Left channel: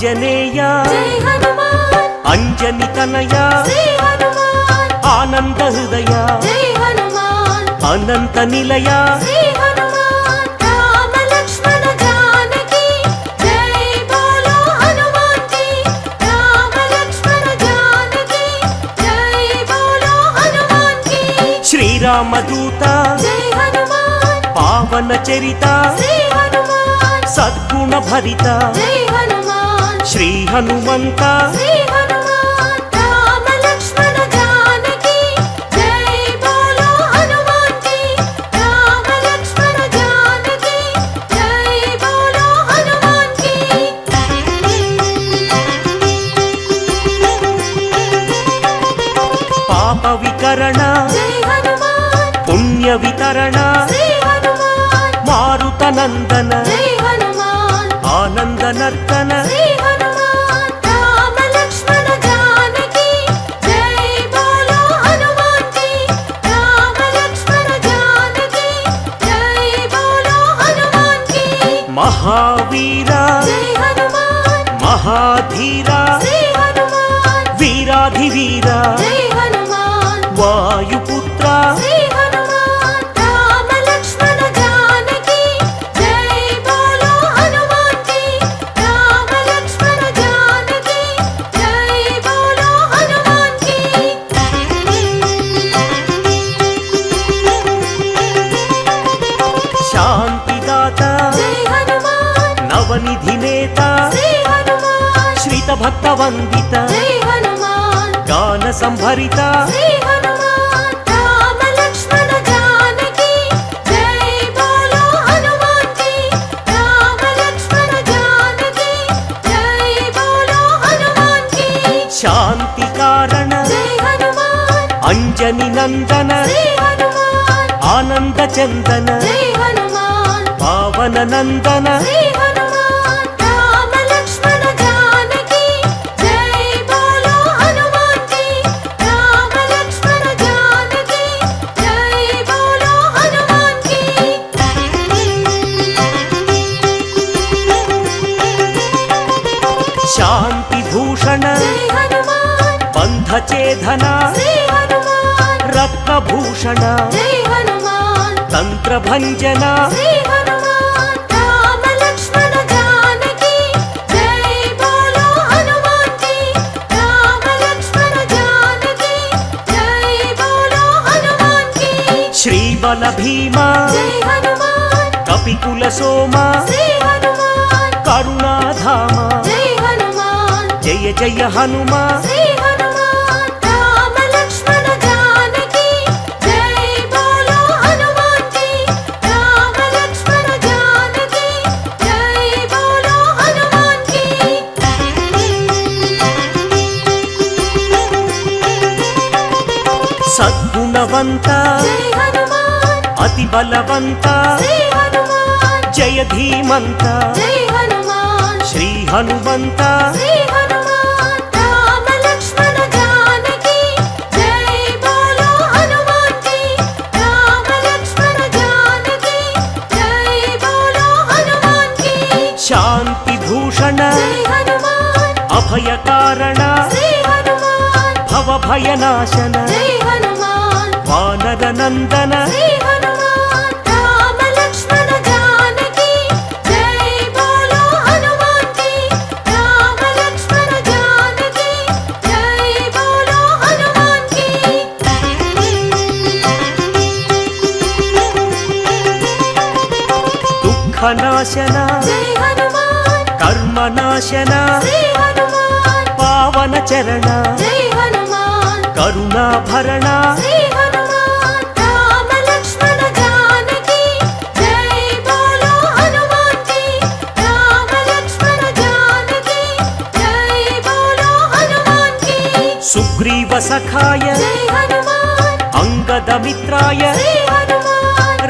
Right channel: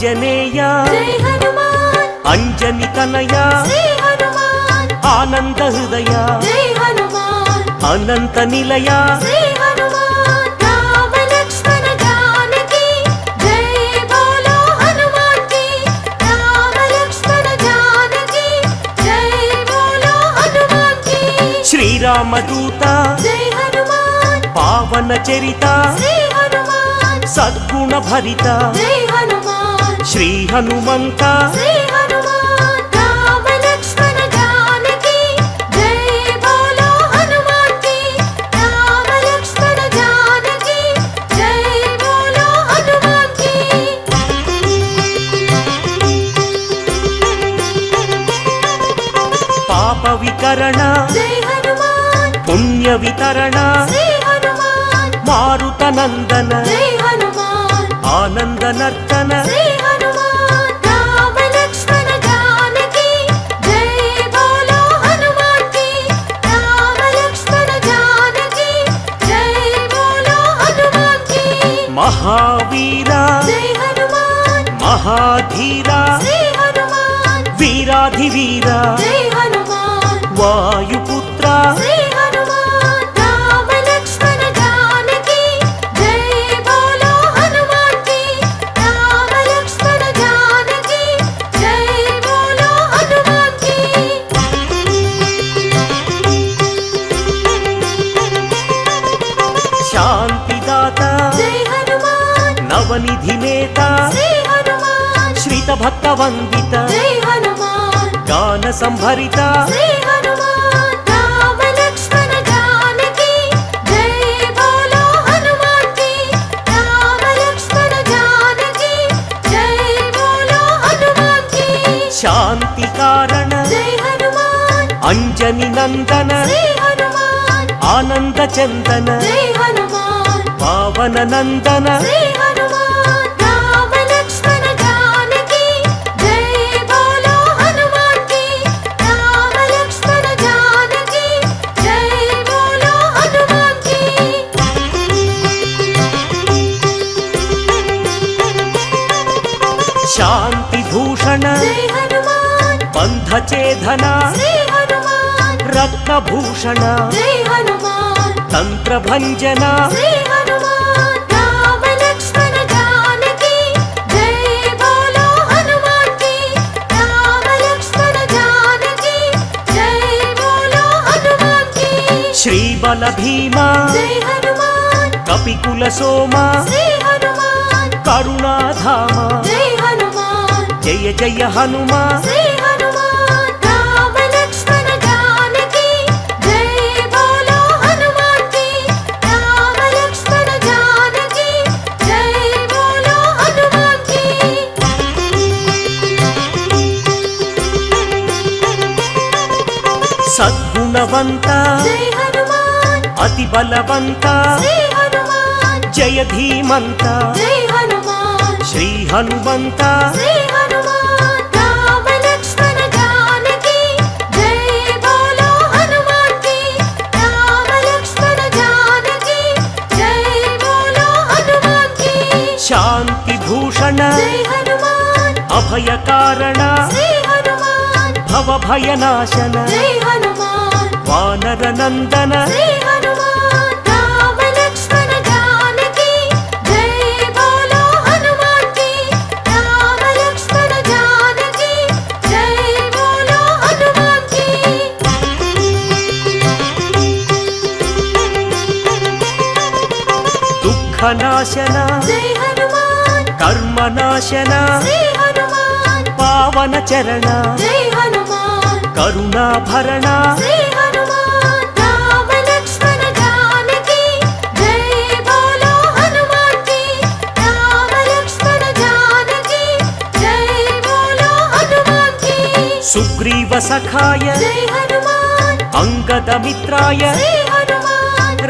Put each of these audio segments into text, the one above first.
ఆంజనేయ అంజని తనయ ఆనంద హృదయ అనంత నిలయ శ్రీరామదూత పావన చరిత సద్గుణ భరిత శ్రీ హనుమంత పాప వికరణ పుణ్య వితరణ మారుత నందన ఆనంద నర్తన మహావీర మహాధీర వీరాధివీర వాయుపుత్ర శాంతిదాత నవనిధి నేత శ్రీత భక్త వందిత గాన సంభరిత శాంతి కారణ అంజని నందన ఆనంద చందన పావన నందన శాంతి భూషణ బంధచేధన రత్నభూషణ తంత్రభంజన శ్రీబల భీమ కపికుల సోమ కరుణాధామ జయ జయ హనుమ సద్గుణవంత అతి బలవంత జయ ధీమంత శ్రీ హనుమంత శాంతి భూషణ అభయకారణ భవభయనాశన వానర నందన దుఃఖనాశన కర్మనాశన పావన చరణ కరుణాభరణ సుగ్రీవ సఖాయ అంగదమిత్రాయ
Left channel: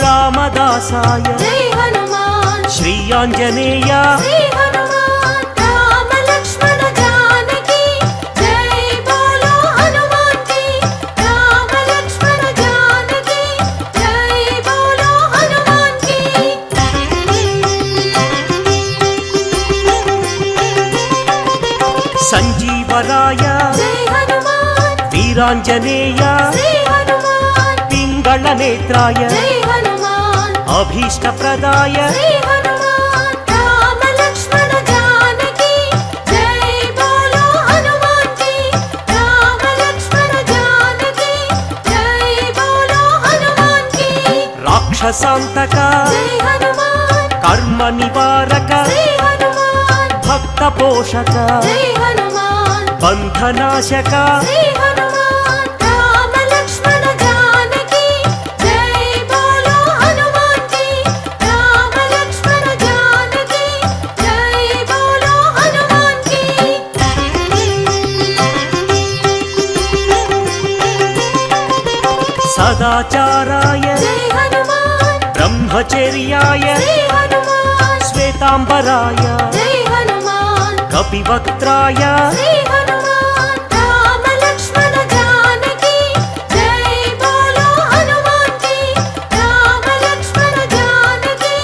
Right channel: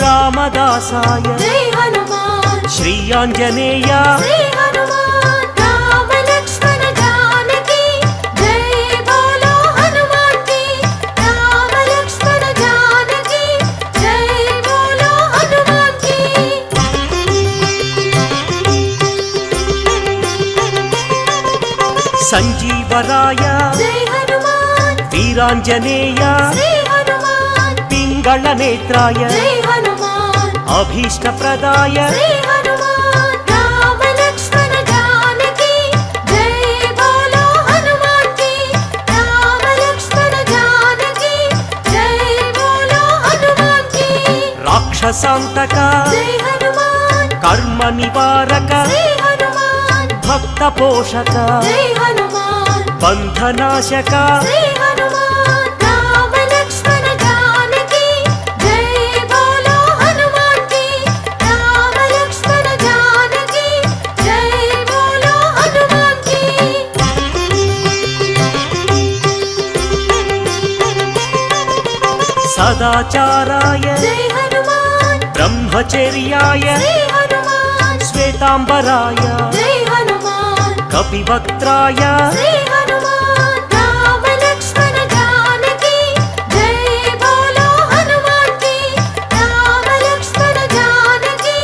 రామదాసాయ శ్రీ ఆంజనేయ సంజీవరాయ జై హనుమాన్ వీరాంజనేయ శ్రీ హనుమాన్ పింగళ నేత్రాయ జై హనుమాన్ అభీష్టప్రదాయ శ్రీ హనుమాన్ రామ లక్ష్మణ జానకి జై బోలో హనుమాన్ కి రామ లక్ష్మణ జానకి జై బోలో హనుమాన్ కి రాక్షసాంతక జై హనుమాన్ కర్మ నివారక శ్రీ హనుమాన్ భక్త పోషక జై హనుమాన్ బంధనాశక శ్రీ హనుమాన్ రామ లక్ష్మణ జానకి జై బోలో హనుమాన్ కి రామ లక్ష్మణ జానకి జై బోలో హనుమాన్ కి సదాచారాయ జై హనుమాన్ బ్రహ్మచర్యాయ శ్రీ హనుమాన్ శ్వేతాంబరాయ జై హనుమాన్ కపివక్త్రాయ శ్రీ హనుమాన్ రామ లక్ష్మణ జానకి జై బోలో హనుమాన్ కి రామ లక్ష్మణ జానకి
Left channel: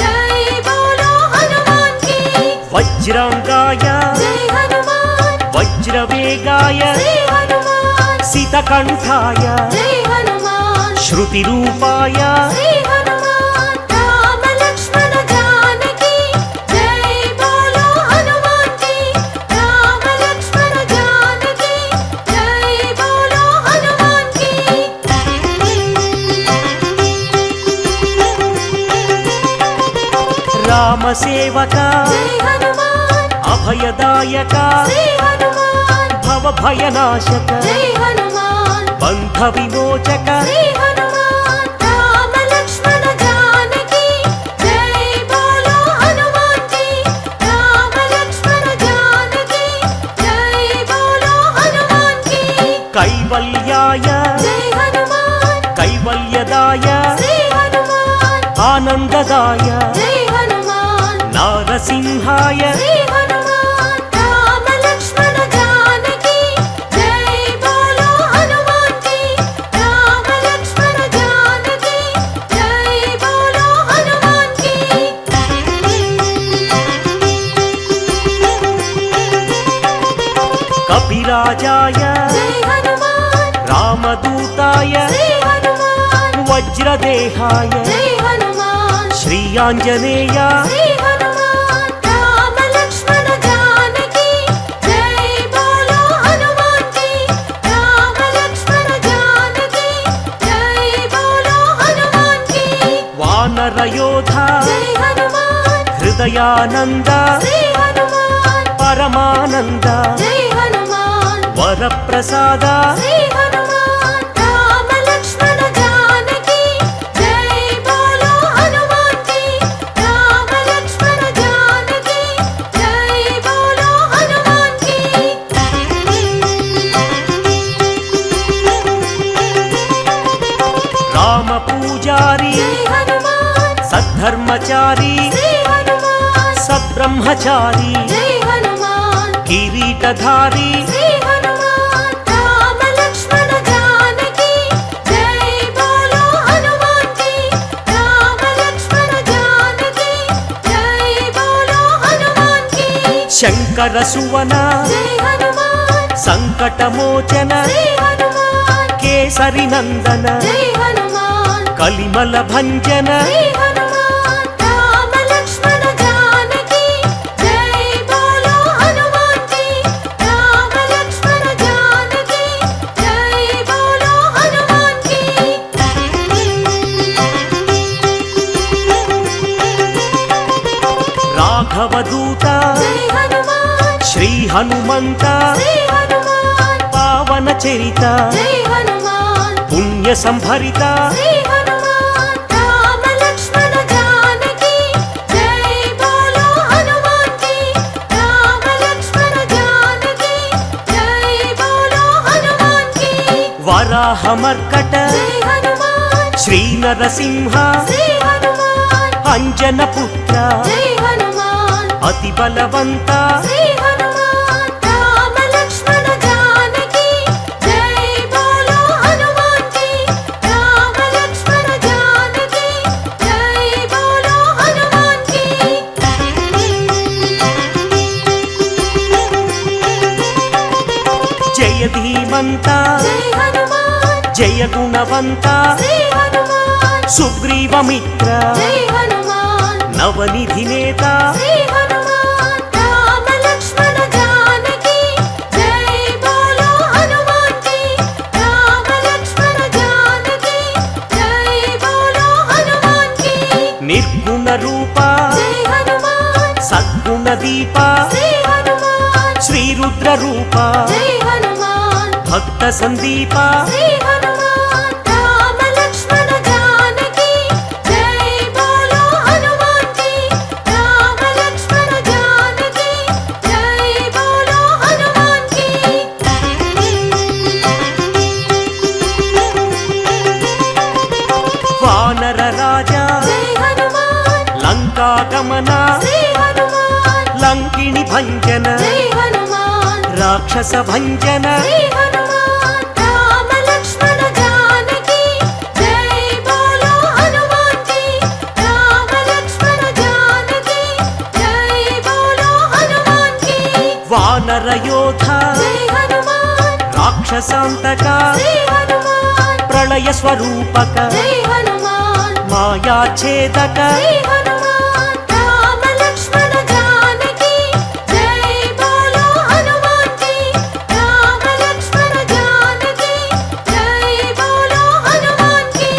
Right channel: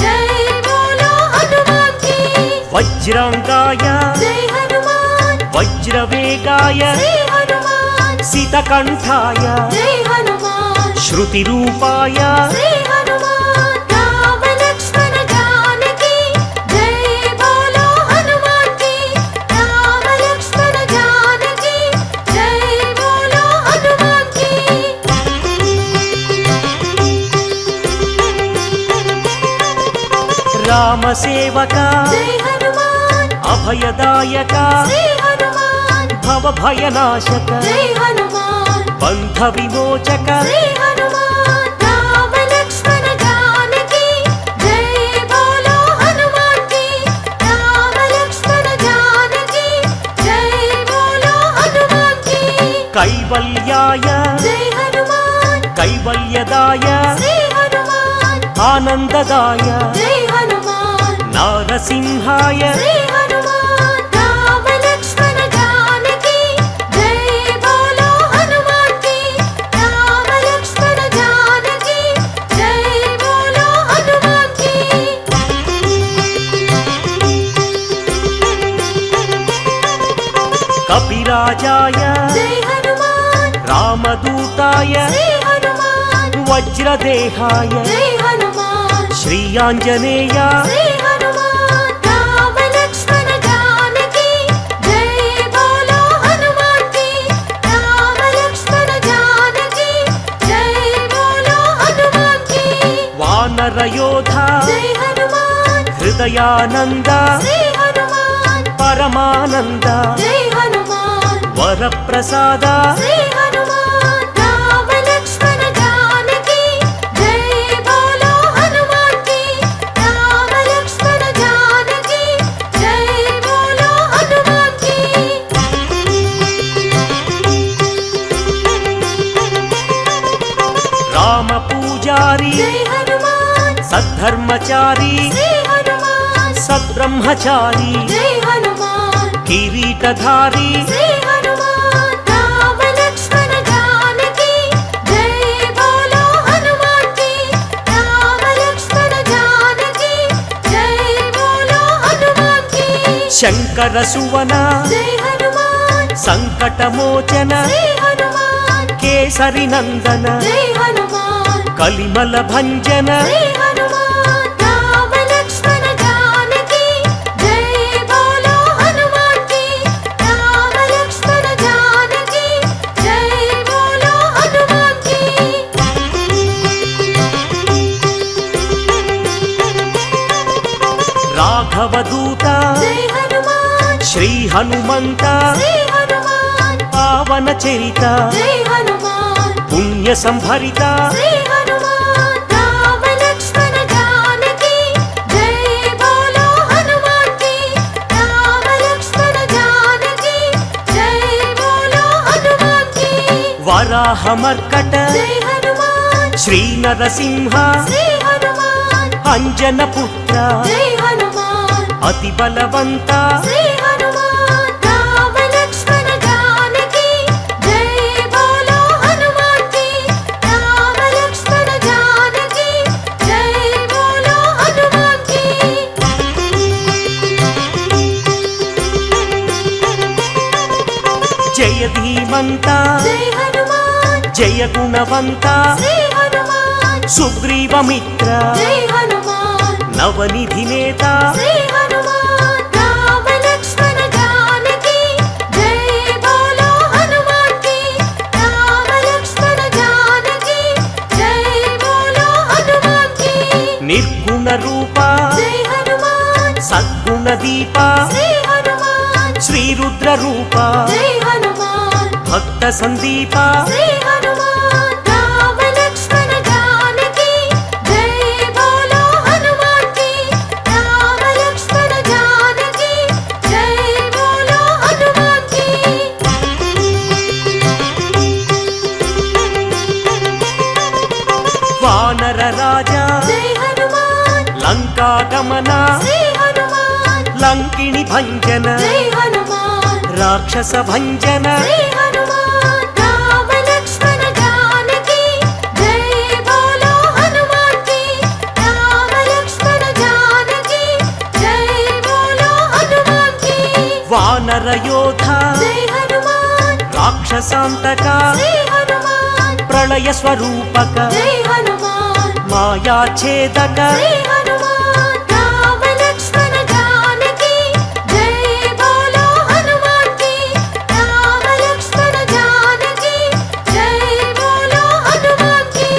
జై బోలో హనుమాన్ కి వజ్రాంగాయ జై హనుమాన్ వజ్రవేగాయ శ్రీ హనుమాన్ సితకంఠాయ జై హనుమాన్ శృతిరూపాయ శ్రీ హనుమాన్ రామ లక్ష్మణ జానకి జై బోలో హనుమాన్ కి రామ లక్ష్మణ జానకి జై బోలో హనుమాన్ కి రామసేవక జై హనుమాన్ అభయదాయక శ్రీ హనుమాన్ భవభయనాశక జై హనుమాన్ బంధ విమోచక శ్రీ హనుమాన్ రామ లక్ష్మణ జానకి జై బోలో హనుమాన్ కి రామ లక్ష్మణ జానకి జై బోలో హనుమాన్ కి కైవల్యాయ జై హనుమాన్ కైవల్యదాయ శ్రీ హనుమాన్ ఆనందదాయ జై హనుమాన్ నారసింహాయ శ్రీ హనుమాన్ రామ లక్ష్మణ జానకి జై బోలో హనుమాన్ కి రామ లక్ష్మణ జానకి జై బోలో హనుమాన్ కి కపిరాజాయ జై హనుమాన్ రామదూతాయ శ్రీ హనుమాన్ వజ్రదేహాయ జై హనుమాన్ శ్రీయాంజనేయ శ్రీ హనుమాన్ రామ లక్ష్మణ జానకి జై బోలో హనుమాన్ కి రామ లక్ష్మణ జానకి జై బోలో హనుమాన్ కి వానరయోధ జై హనుమాన్ హృదయానంద శ్రీ హనుమాన్ పరమానంద జై హనుమాన్ వరప్రసాద శ్రీ హనుమాన్ రామ లక్ష్మణ జానకి జై బోలో హనుమాన్ కి రామ లక్ష్మణ జానకి జై బోలో హనుమాన్ కి రామ పూజారి జై హనుమాన్ సద్ధర్మచారి శ్రీ హనుమాన్ సద్బ్రహ్మచారి జై హనుమాన్ కిరీటధారి శ్రీ హనుమాన్ రామ లక్ష్మణ జానకి జై బోలో హనుమాన్ కి రామ లక్ష్మణ జానకి జై బోలో హనుమాన్ కి శంకర సువన జై హనుమాన్ సంకటమోచన శ్రీ హనుమాన్ కేసరి నందన జై హనుమాన్ కలిమల భంజన శ్రీ హనుమాన్ రామ లక్ష్మణ జానకి జై బోలో హనుమాన్ కి రామ లక్ష్మణ జానకి జై బోలో హనుమాన్ కి రాఘవదూత జై హనుమాన్ శ్రీ హనుమంత శ్రీ హనుమాన్ పావన చరిత జై హనుమాన్ పుణ్య సంభరిత శ్రీ హనుమాన్ రామ లక్ష్మణ జానకి జై బోలో హనుమాన్ కి రామ లక్ష్మణ జానకి జై బోలో హనుమాన్ కి వరాహమర్కట జై హనుమాన్ శ్రీ నరసింహ శ్రీ హనుమాన్ అంజన పుత్ర జై హనుమాన్ అతి బలవంత శ్రీ హనుమాన్ రామ లక్ష్మణ జానకి జై బోలో హనుమాన్ కి రామ లక్ష్మణ జానకి జై బోలో హనుమాన్ కి జయ ధీమంత జై హనుమాన్ జయ గుణవంత శ్రీ హనుమాన్ సుగ్రీవమిత్ర జై హనుమాన్ నవనిధి నేత శ్రీ హనుమాన్ రామ లక్ష్మణ జానకి జై బోలో హనుమాన్ కి రామ లక్ష్మణ జానకి జై బోలో హనుమాన్ కి నిర్గుణ రూప జై హనుమాన్ సద్గుణ దీప శ్రీ హనుమాన్ శ్రీరుద్ర రూప జై హనుమాన్ భక్త సందీప శ్రీ హనుమాన్ రామ లక్ష్మణ జానకి జై బోలో హనుమాన్ కి రామ లక్ష్మణ జానకి జై బోలో హనుమాన్ కి వానర రాజా జై హనుమాన్ లంకా గమన శ్రీ హనుమాన్ లంకిణి భంజన జై హనుమాన్ రాక్షస భంజన శ్రీ హనుమాన్ రామ లక్ష్మణ జానకి జై బోలో హనుమాన్ కి రామ లక్ష్మణ జానకి జై బోలో హనుమాన్ కి వానర యోధ జై హనుమాన్ రాక్షసాంతక శ్రీ హనుమాన్ ప్రళయ స్వరూపక జై హనుమాన్ మాయాఛేదక శ్రీ హనుమాన్ రామ లక్ష్మణ జానకి జై బోలో హనుమాన్ కి రామ లక్ష్మణ జానకి జై బోలో హనుమాన్ కి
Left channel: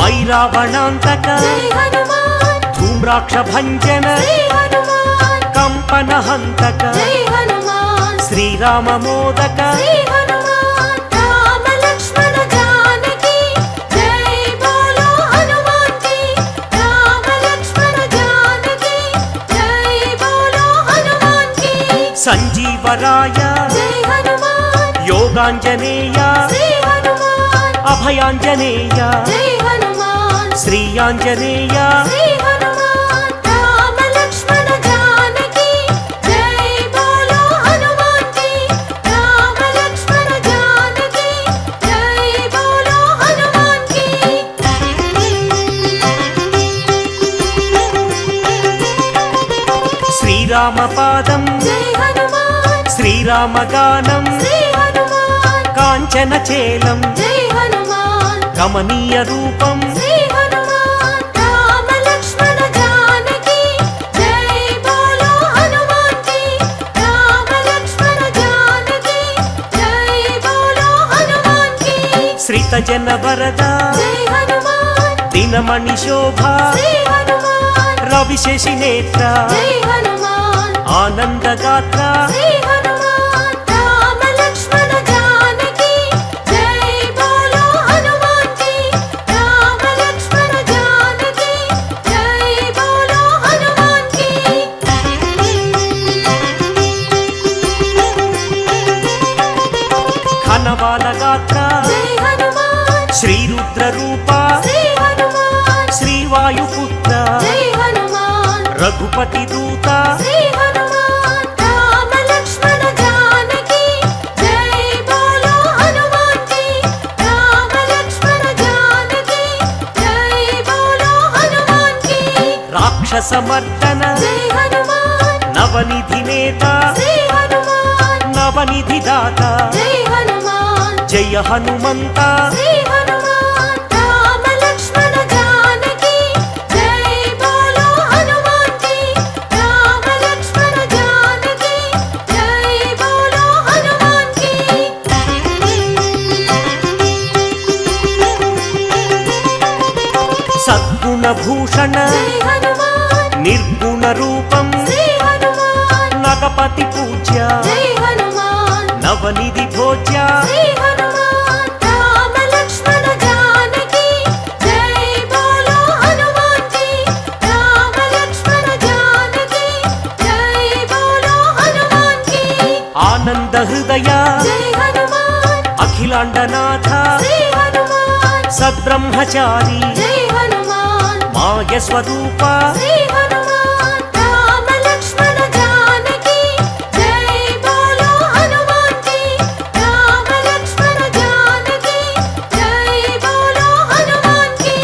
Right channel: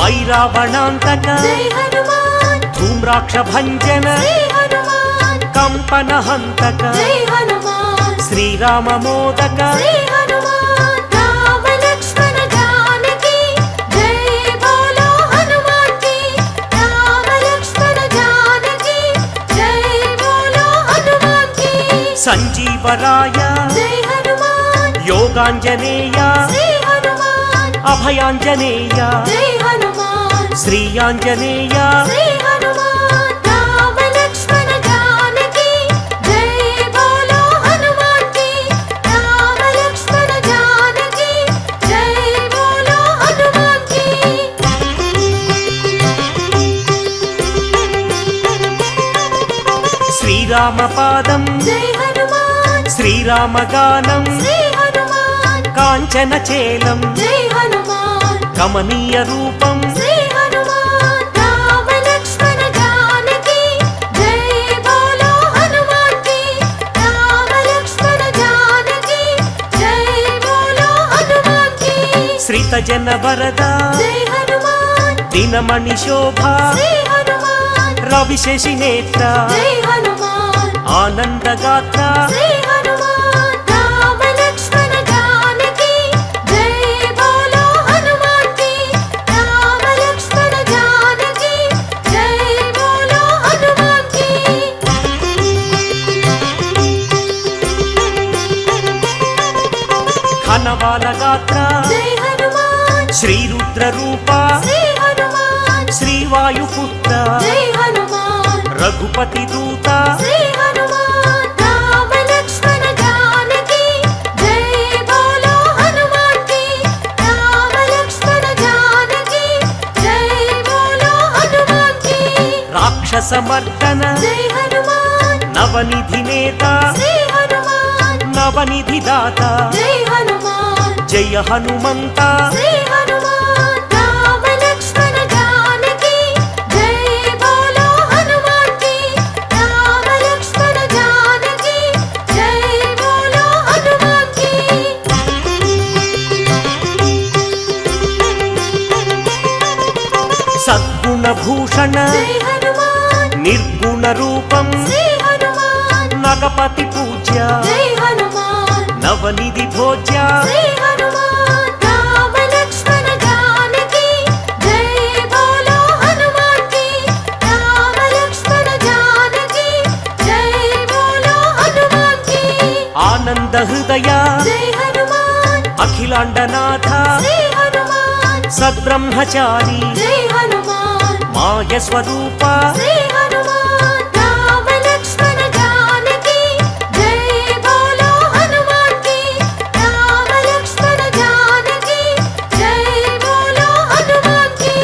మైరావణాంతక జై హనుమాన్ ధూమ్రాక్ష భంజన శ్రీ హనుమాన్ కంపన హంతక జై హనుమాన్ శ్రీరామ మోదక శ్రీ హనుమాన్ రామ లక్ష్మణ జానకి జై బోలో హనుమాన్ కి రామ లక్ష్మణ జానకి జై బోలో హనుమాన్ కి సంజీవరాయ జై హనుమాన్ యోగాంజనేయ శ్రీ హనుమాన్ అభయాంజనేయ జై హనుమాన్ శ్రీయాంజనేయ శ్రీ హనుమాన్ రామ లక్ష్మణ జానకి జై బోలో హనుమాన్ కి రామ లక్ష్మణ జానకి జై బోలో హనుమాన్ కి శ్రీరామ పాదం జై హనుమాన్ శ్రీరామగానం శ్రీ హనుమాన్ కాంచన చేలం జై హనుమాన్ కమనీయ రూపం శ్రీ హనుమాన్ రామ లక్ష్మణ జానకి జై బోలో హనుమాన్ కి రామ లక్ష్మణ జానకి జై బోలో హనుమాన్ కి శ్రీత జన వరద జై హనుమాన్ దినమణి శోభ శ్రీ హనుమాన్ రవిశేషి నేత్ర జై హనుమాన్ ఆనందగాత్ర శ్రీ హనుమాన్ రామ లక్ష్మణ జానకి జై బోలో హనుమాన్ కి రామ లక్ష్మణ జానకి జై బోలో హనుమాన్ కి ఘనవాల గాత్ర జై హనుమాన్ శ్రీరుద్ర రూప శ్రీ హనుమాన్ శ్రీవాయుపుత్ర జై హనుమాన్ రఘుపతి దూత శ్రీ హనుమాన్ రామ లక్ష్మణ జానకి జై బోలో హనుమాన్ కి రామ లక్ష్మణ జానకి జై బోలో హనుమాన్ కి రాక్షస మర్దన జై హనుమాన్ నవనిధి నేత శ్రీ హనుమాన్ నవనిధి దాత జై హనుమాన్ జయ హనుమంత శ్రీ హనుమాన్ రామ లక్ష్మణ జానకి జై బోలో హనుమాన్ కి రామ లక్ష్మణ జానకి జై బోలో హనుమాన్ కి సద్గుణ భూషణ జై హనుమాన్ నిర్గుణ రూపం శ్రీ హనుమాన్ నగపతి పూజ్య జై హనుమాన్ నవనిధి భోజ్య శ్రీ హనుమాన్ రామ లక్ష్మణ జానకి జై బోలో హనుమాన్ కి రామ లక్ష్మణ జానకి జై బోలో హనుమాన్ కి ఆనంద హృదయ జై హనుమాన్ అఖిలాండనాథ శ్రీ హనుమాన్ సద్బ్రహ్మచారి జై హనుమాన్ మాయ స్వరూప శ్రీ హనుమాన్ రామ లక్ష్మణ జానకి జై బోలో హనుమాన్ కి రామ లక్ష్మణ జానకి జై బోలో హనుమాన్ కి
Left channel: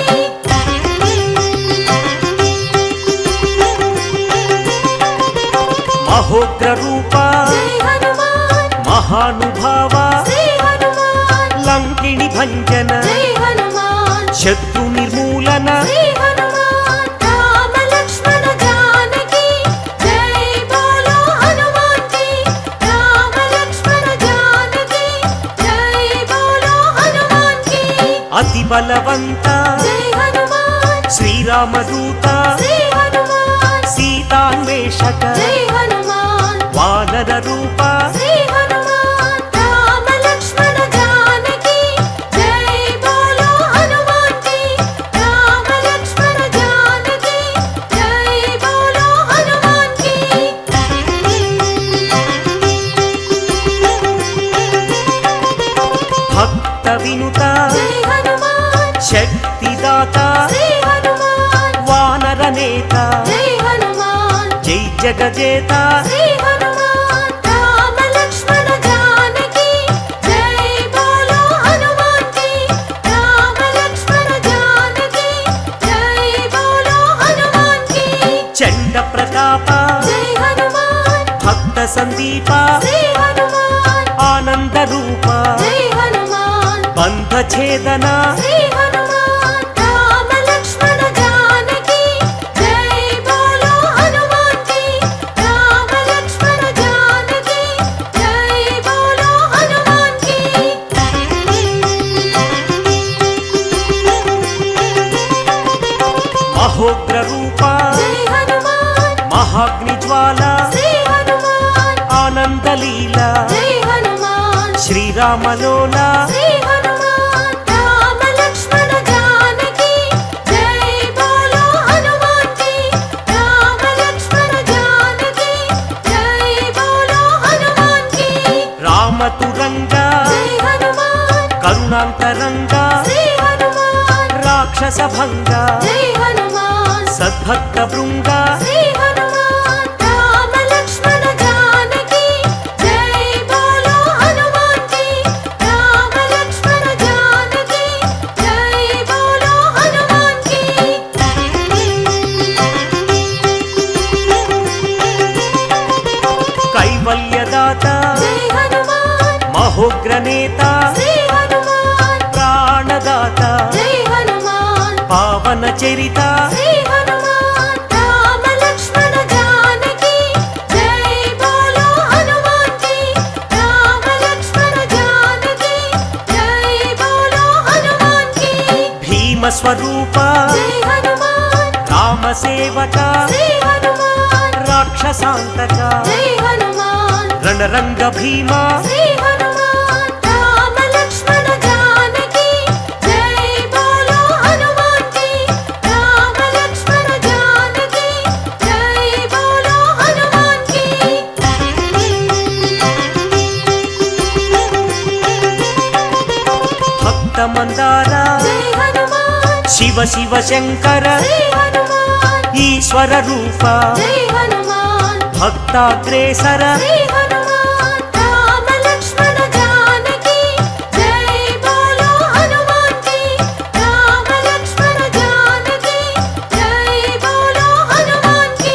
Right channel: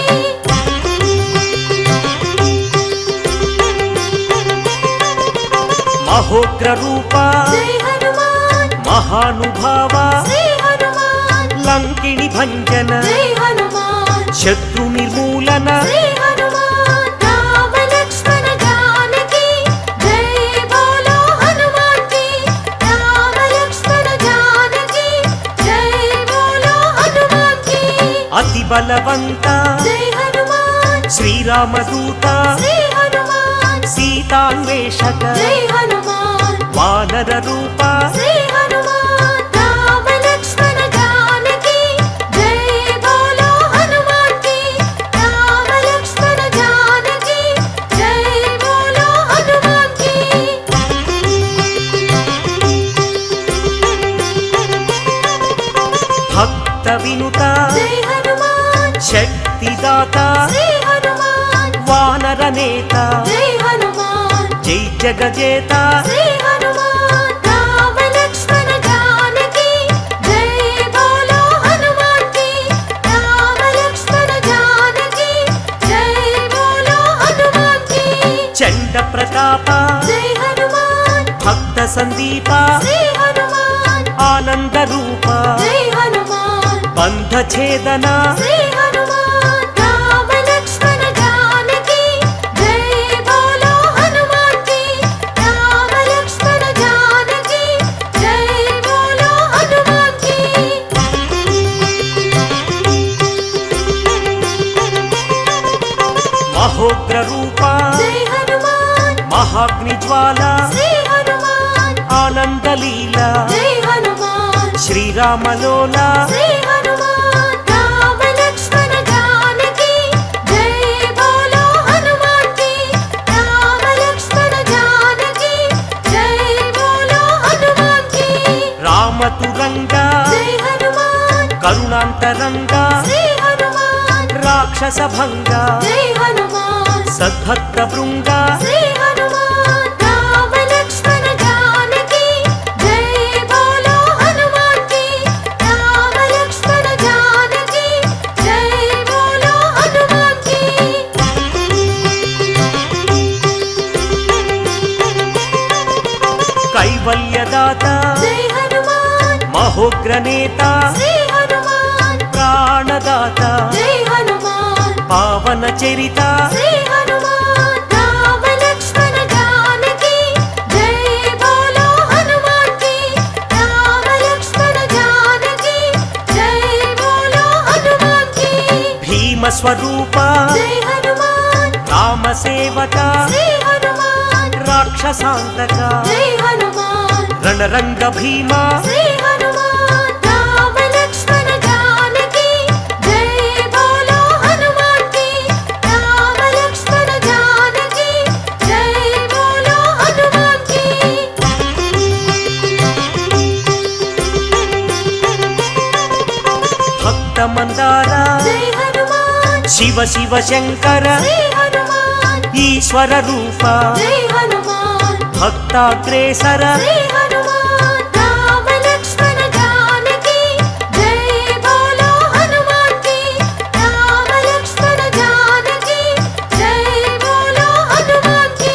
మహోగ్ర రూప జై హనుమాన్ మహానుభావ శ్రీ హనుమాన్ లంకిణి భంజన జై హనుమాన్ శత్రు నిర్మూలన శ్రీ హనుమాన్ రామ లక్ష్మణ జానకి జై బోలో హనుమాన్ కి రామ లక్ష్మణ జానకి జై బోలో హనుమాన్ కి అతి బలవంత జై హనుమాన్ శ్రీరామదూత శ్రీ హనుమాన్ సీతాన్వేషక జై హనుమాన్ వానర రూప శ్రీ హనుమాన్ రామ లక్ష్మణ జానకి జై బోలో హనుమాన్ కి రామ లక్ష్మణ జానకి జై బోలో హనుమాన్ కి భక్త వినుత జై హనుమాన్ శక్తిదాత శ్రీ హనుమాన్ వానర నేత జై హనుమాన్ జై జగజేత శ్రీ హనుమాన్ రామ లక్ష్మణ జానకి జై బోలో హనుమాన్ కి రామ లక్ష్మణ జానకి జై బోలో హనుమాన్ కి చండ ప్రతాప జై హనుమాన్ భక్త సందీప శ్రీ హనుమాన్ ఆనంద రూప జై హనుమాన్ బంధ ఛేదన శ్రీ హనుమాన్ రామ లక్ష్మణ జానకి జై బోలో హనుమాన్ కి రామ లక్ష్మణ జానకి జై బోలో హనుమాన్ కి మహోగ్ర రూప జై హనుమాన్ మహాగ్ని జ్వాల శ్రీ హనుమాన్ ఆనందలీల జై హనుమాన్ శ్రీరామలోల శ్రీ హనుమాన్ రామ లక్ష్మణ జానకి జై బోలో హనుమాన్ కి రామ లక్ష్మణ జానకి జై బోలో హనుమాన్ కి రామతురంగ జై హనుమాన్ కరుణాంతరంగ శ్రీ హనుమాన్ రాక్షస భంగ జై హనుమాన్ సద్భక్త బృంగ శ్రీ హనుమాన్ రామ లక్ష్మణ జానకి జై బోలో హనుమాన్ కి రామ లక్ష్మణ జానకి జై బోలో హనుమాన్ కి కైవల్యదాత జై హనుమాన్ మహోగ్ర నేత శ్రీ హనుమాన్ ప్రాణదాత జై హనుమాన్ పావన చరిత శ్రీ హనుమాన్ రామ లక్ష్మణ జానకి జై బోలో హనుమాన్ కి రామ లక్ష్మణ జానకి జై బోలో హనుమాన్ కి భీమ స్వరూప జై హనుమాన్ రామ సేవక శ్రీ హనుమాన్ రాక్షసాంతక జై హనుమాన్ రణరంగ భీమ శ్రీ హనుమాన్ రామ లక్ష్మణ జానకి జై బోలో హనుమాన్ కి రామ లక్ష్మణ జానకి జై బోలో హనుమాన్ కి భక్త మందార జై హనుమాన్ శివ శివ శంకర శ్రీ హనుమాన్ ఈశ్వర రూప జై హనుమాన్ భక్తాగ్రేసర శ్రీ హనుమాన్ రామ లక్ష్మణ జానకి జై బోలో హనుమాన్ కి రామ లక్ష్మణ జానకి జై బోలో హనుమాన్ కి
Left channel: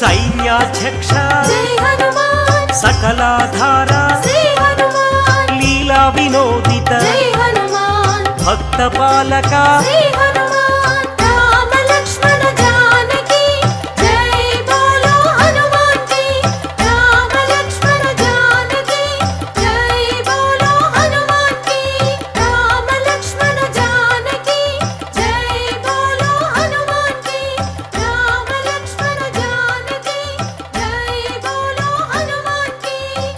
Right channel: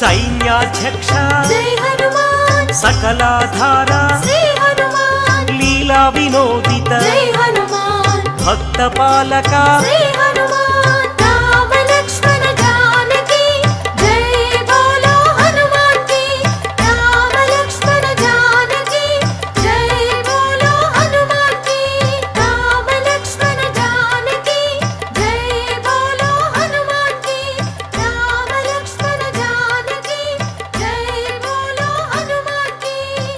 సైన్యాధ్యక్ష జై హనుమాన్ సకలాధార శ్రీ హనుమాన్ లీలా వినోదిత జై హనుమాన్ భక్త పాలక శ్రీ